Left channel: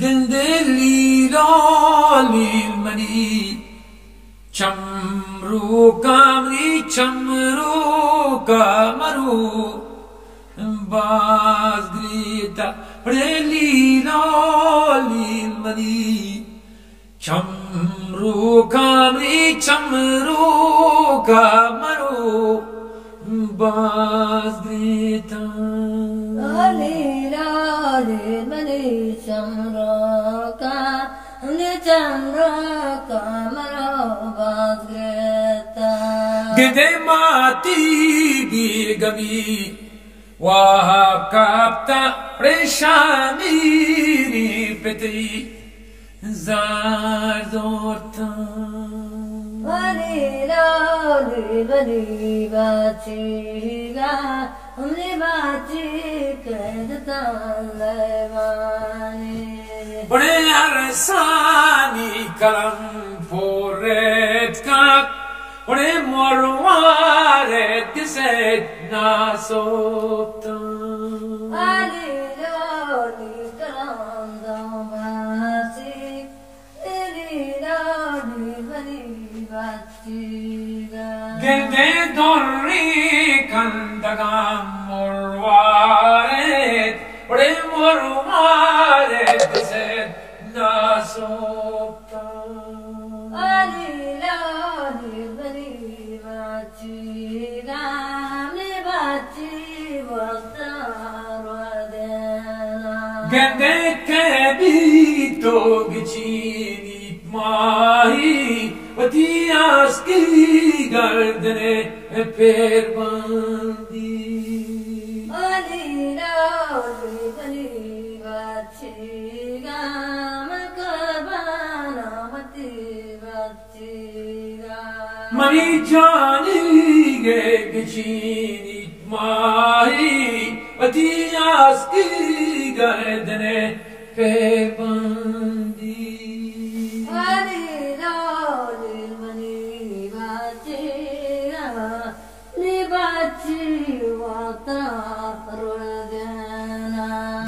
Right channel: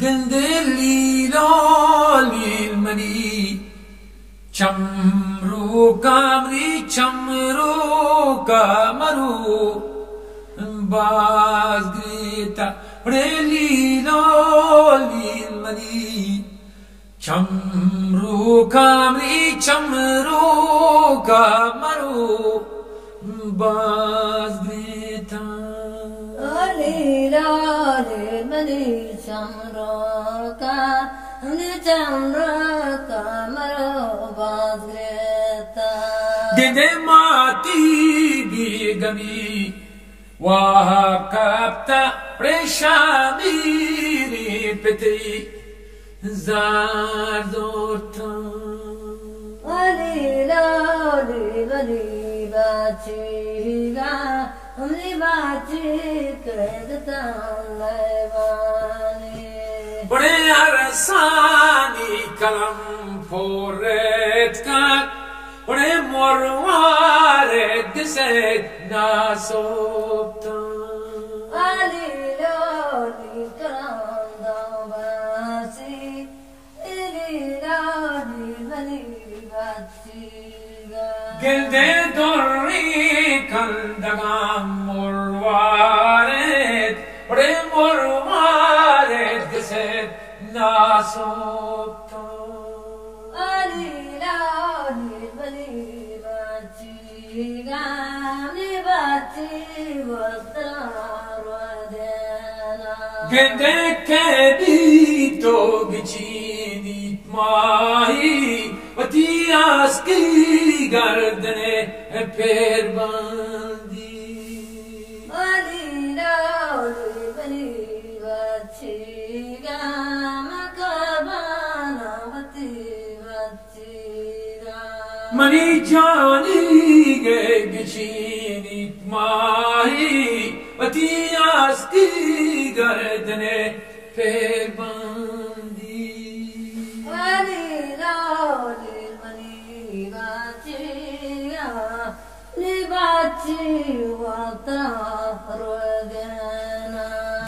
Gandeli lolil mani chamru kamri chamru kamaru baz grita preli lolil mani chamru kamri chamru kamaru baz grita mani chamraka chamraka maro bazgreta gede mati bigami wa kapta preshani peti zardorta Vali bachiga umli bachi kredta levani Ore arsani kalam poret kak Ore morwaret giset nasopta Vali kalam davasi Gende dorri kandagam morwaret Ore morwaret giset nasopta Gende kedito gichinit mahi Vati aski gardane per bandi Mani jani ge gichinit mahi Vati aski gardane per bandi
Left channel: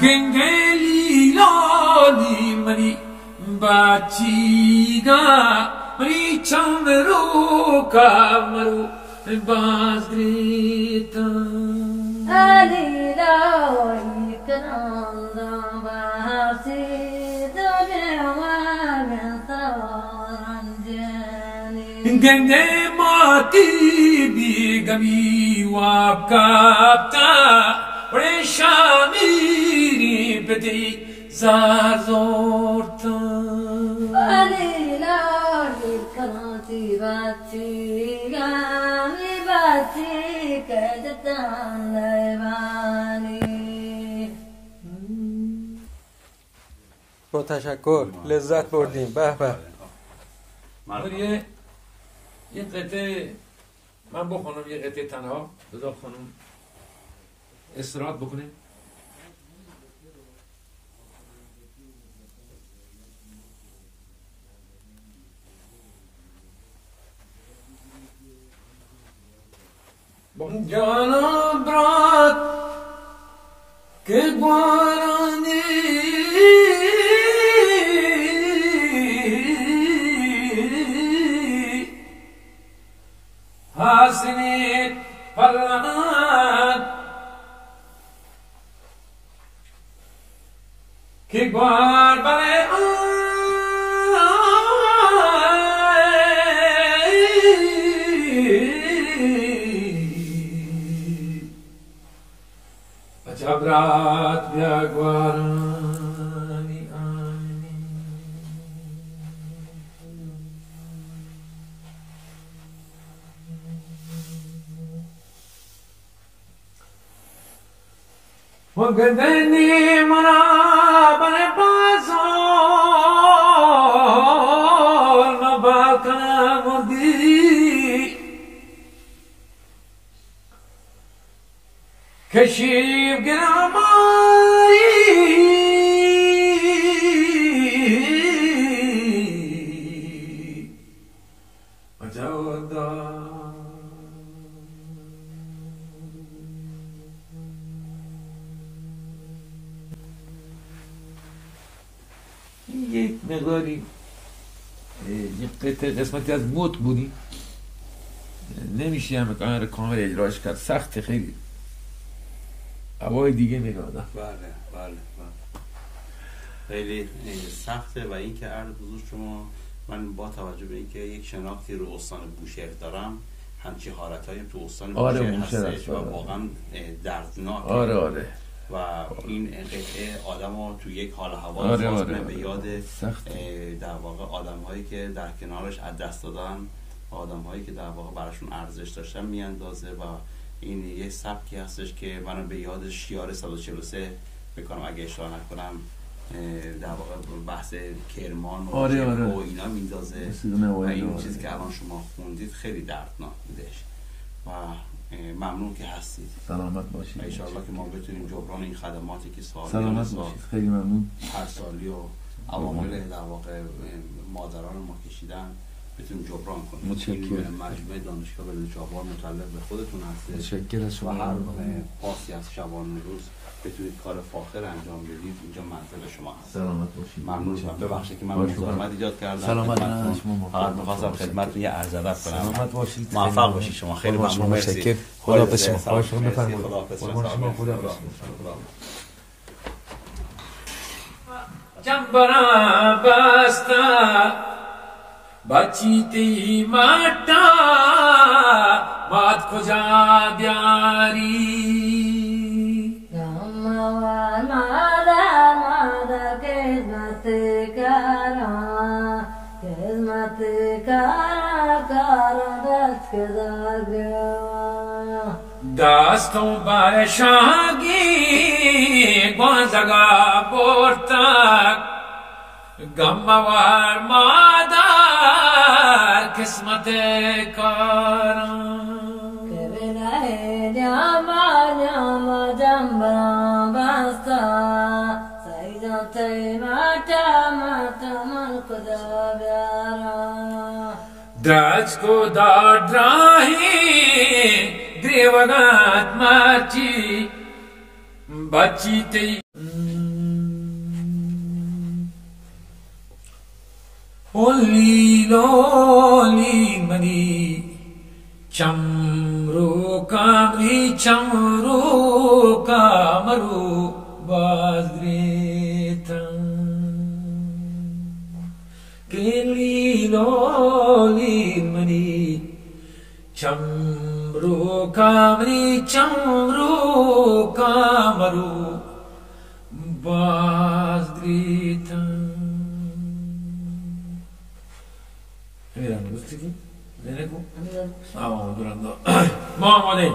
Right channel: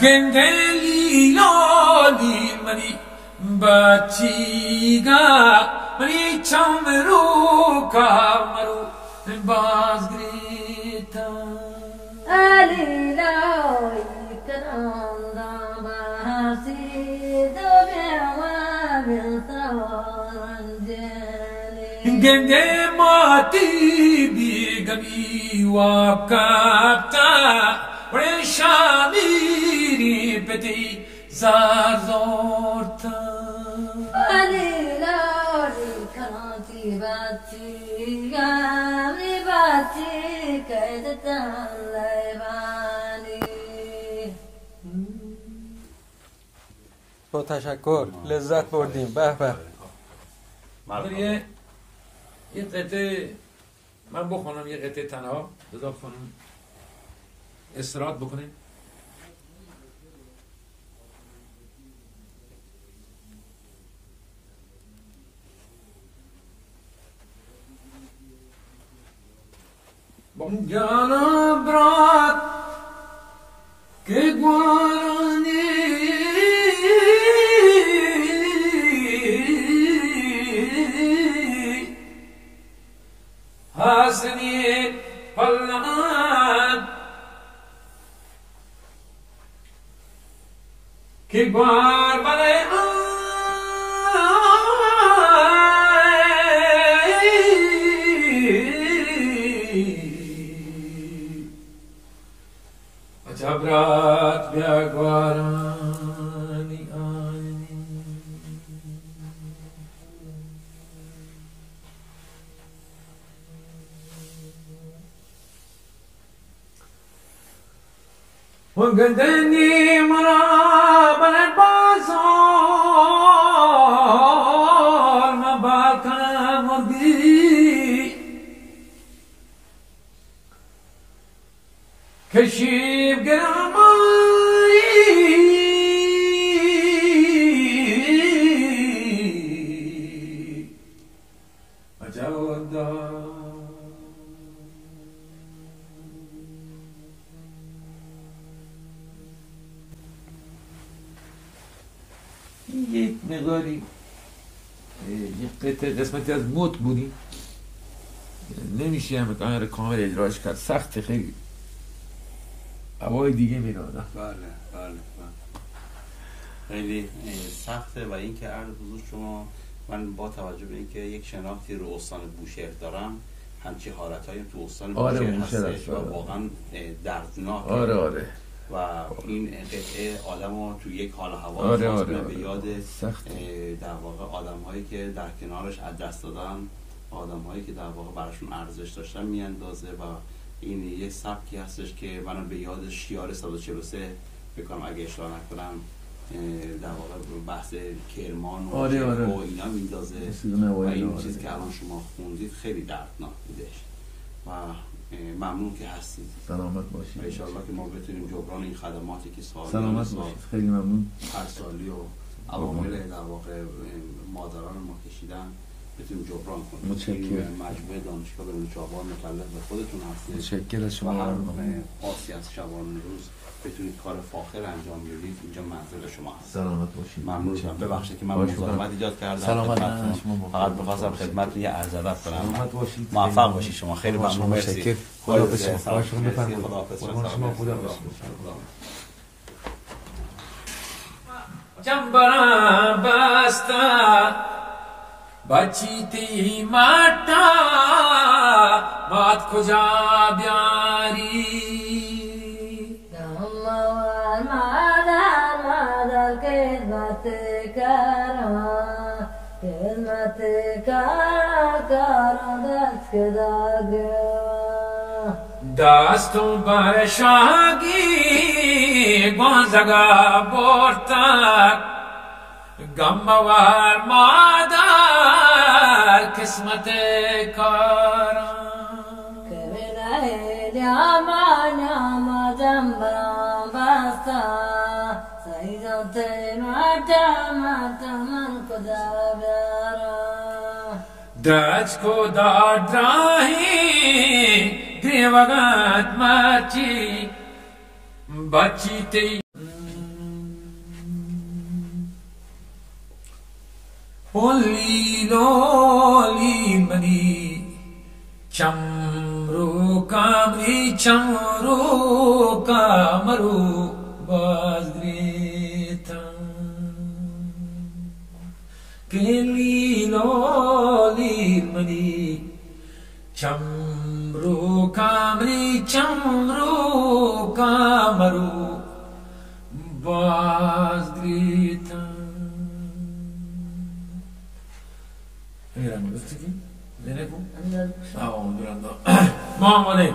Gengeli loli mani bachiga mani chamru kamaru bazgrita Gende mati bigami wakapta Reshamiri peti zardorta با تشکر لذت بردیم به به یه قطعه من بخونم یه قطعه تنها بذار خانم استراحت بکنیم جانا برات که بارانی حسنی پلان که بار بله جبرات بیاگوارانی آنی وگدنی مرابر بازار مباکن مردی کشیب گرامایی وجودا یک مقداری یک قسمتی از موت بودیم، نمیشه همه کامل اجراش کرد، سخت خیلی هوای دیگه میدادم. بله خیلی سخته. و این که عرض حضور شما، من با توجه به اینکه یک شناختی رو استان بوشهر دارم، همچی حالتایی تو استان بوشهر هستش و واقعا دردناکه. آره و این قطعه آدم رو تو یک حال هوا به یاد در واقع آدم هایی که در کنارش از دست دادن، آدم هایی که در واقع براشون ارزش داشتن میاندازه. و این یک سبکی هستش که منو به یاد شیار 143 بکنم اگه اشتباه نکنم، در واقع بحث کرمان و و اینا میندازه. و این چیزی که الان شما خوندید خیلی دردناک بودش و ممنون که هستید. سلامت باشید. ان شاء الله که ما بتونیم جبران این خدماتی که سلامت باشید. خیلی ممنون. هر سالی و عوامل در واقع مادران ما کشیدن بتونیم جبران کنیم. متشکرم. مجموعه دانشگاه بدون جبران متعلق به خودتون هستید. متشکرم شما. و هر پاسی از شبانه روز بتونید کار فاخر انجام بدید. اینجا منزل شما هست. سلامت باشید. ممنون. ببخشید که من مزاحمت ایجاد کردم. سلامت. فقط می‌خواستم خدمتتون یه عرض ادب کنم. سلامت باشید. موفق باشید شما. خیلی ممنون. مرسی. خدا بسم. جنبرا بستا بچیتی ماتا مات کجا بیاری یموار مادر خدمت کارا دست کداگروا دستوں برشاگی گوانزگا بورتا گموار مادر قسمت کاران کبلای نیاما جنبران بستا سیدان تیماتا من کدا بیارا دست کو داد راہی دیوگات مچی بچی تی لولی منی چمرو کامری چمرو کامرو بازگریتا لولی منی چمرو کامری چمرو کامرو بازگریتا میرم گفتی که؟ نه نگو؟ آه درنگا ما آماده